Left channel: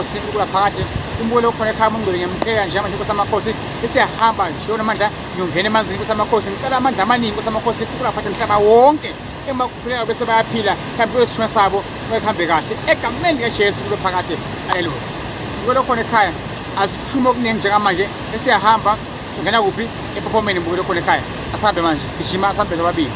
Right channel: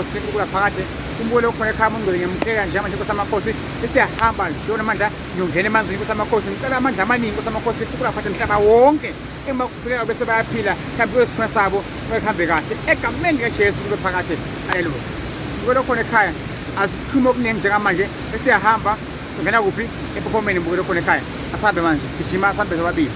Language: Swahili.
amakhosi ukula phakade umbulo okhona ekhaya umngcwele ngiyamkela nje manje Nkosi yamakhosi esiyahamba shona amandla ngiyongena emanzini Nkosi yamakhosi ngicela amandla amaningi Nkosi yamakhosi ukula phatha umhlaba wonke emakhuphuleka bese bayaphila mhlawumbe kwesishwe sabo kuhambe kahle egameni likaJesu kube phakade haleluya umbulo okhona ekhaya asikhulume okuningi njengamanje esiyahamba ungena kuphi ephomeni umbulo okhona ekhaya asahambe manje gijima asahambe nobabili